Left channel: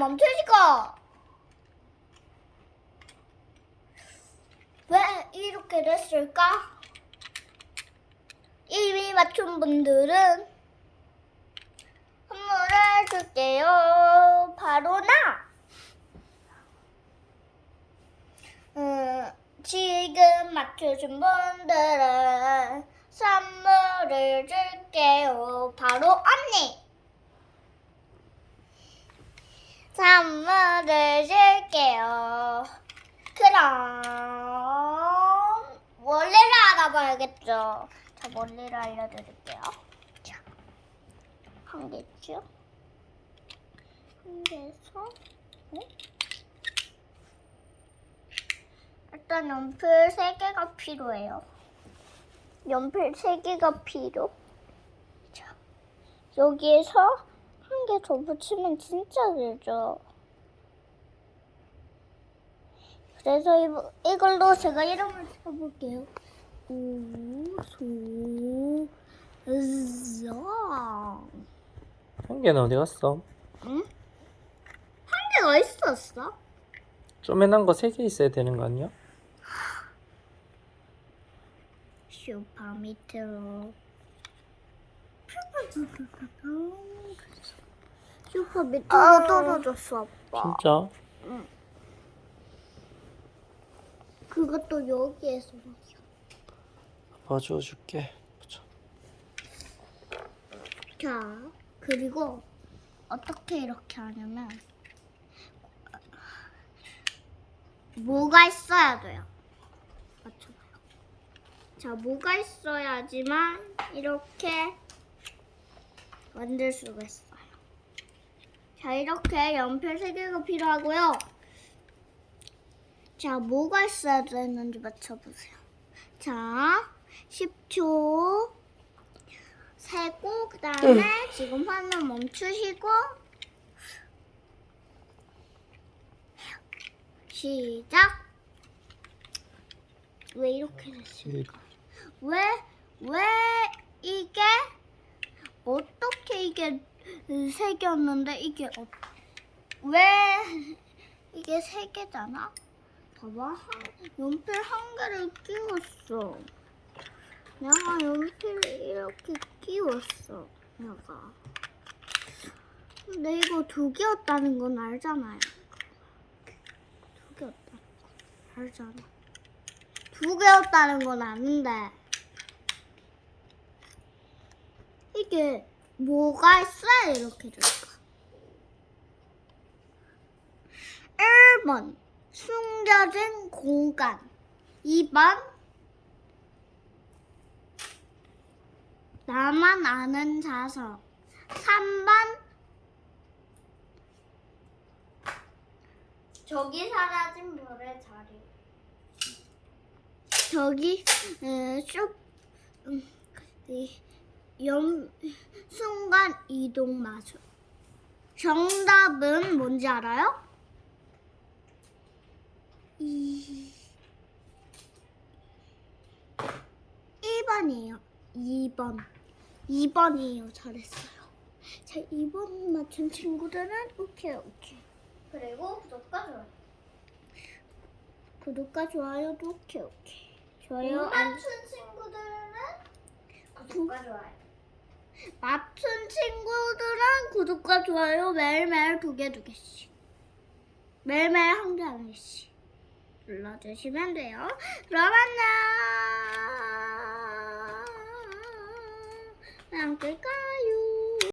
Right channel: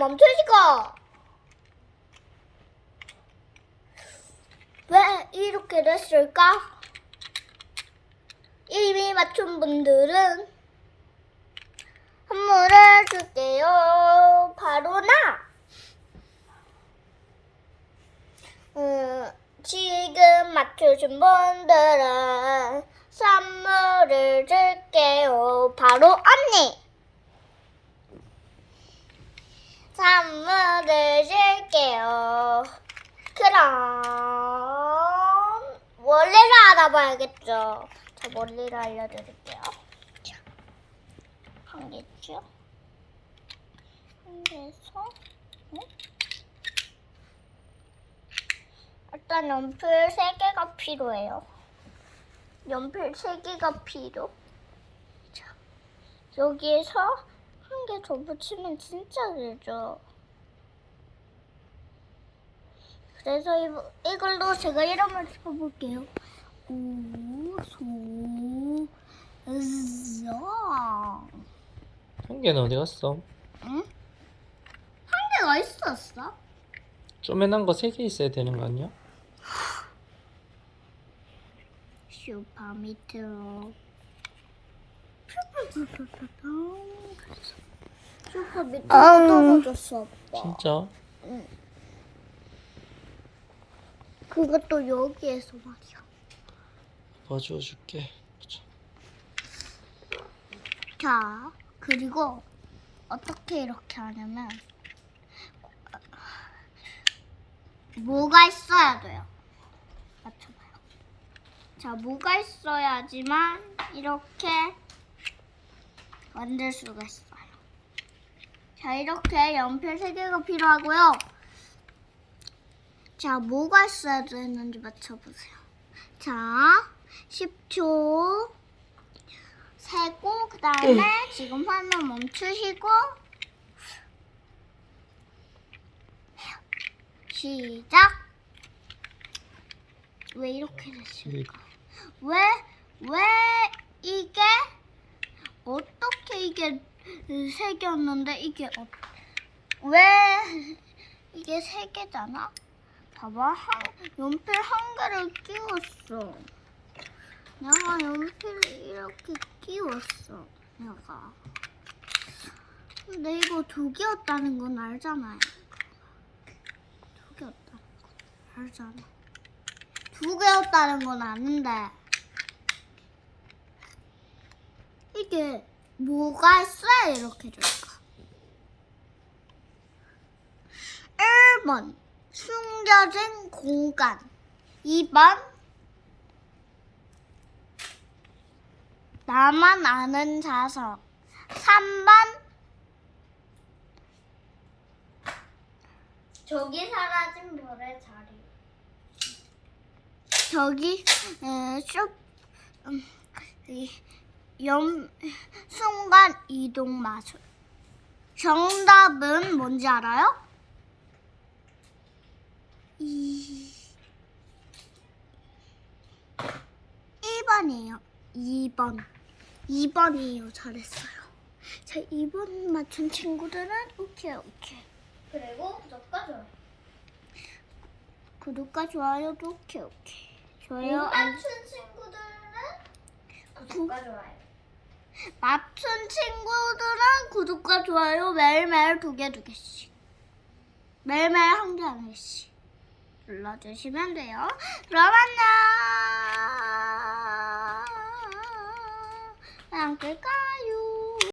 멈춰지고 왜 이렇게 됐을까? 이미 맞춘 분들은 선물을 줄게요. 바로 나! 음, 지금 맞추신 분들은 선물을 줄게요. 바로 언니! 선물을 줄게요. 그럼 원리를 알아봐야겠죠. 자, 원리를 알려드릴게요. 자, 한 개죠. 한 개에서 응? 일단 연필 세 개가 필요해요. 연필 세 개가 필요. 자, 여기에서 한 개 더 붙이면 진짜 되죠. 그래서 이, 이걸로 제가 이름을 써볼게요. 우소 정한 개는 어디 갔어? 응? 한 개가 있었어? 쪼매난 거 세 개 있어야 되는 거 아니야? 슈퍼 밑으로 슈퍼 밑으로 떨어졌어 아빠 진짜? 그것도 여기에서 말이야. 봐줘 줄게. 보자. 자 그리고 어떻게 이렇게 하냐면 뭐가 있어야 돼요? 맞춰봐요. 자 뭐가 있어야지만 이렇게 만들 수가 있어요. 자 이렇게 연필 3개가 필요하고요 자 뭐가 있어야 되는지 맞춰보세요 자 10초 세고 그 다음에 지금 화면 멈추시고 시작 왜 이렇게 됐을까? 왜, 왜 이게 어떻게 이게 세 개였는데 이게 어, 왜 이게 세 개잖아? 봐봐. 한, 연필 한 개를 끼웠어. 내가 연필을 이렇게 끼웠어 내가. 근데 이거 두 개였다는 건 알잖아요. 두 개였다는 건 알잖아. 두 개였다는 건 아는데. 이게 뭐가 있어야 이렇게 될까? 1번 숨겨진 공간 2번 나만 아는 자석 3번 저기 사라진 별의 자리. 저기 에, 쇼, 음, 이, 연, 순간 이동 마술. 정답은 뭔지 알아요? 이 1번이에요. 2번. 2번이에요. 잘했어요. 자, 2번 맞춘 친구들은 오케이, 오케이. 그리고 구독과 좋아요. 구독과 좋아요도 오케이, 오케이. 못 좋아요, 알 맞춘 친구들은 구독과 좋아요. 맞춘 친구들은 구독과 좋아요 매일매일 두 개 두 개씩 매일매일 한 개 한 개씩 눌러주시면 돼요. 그럼 안녕. আমাকে কায়ু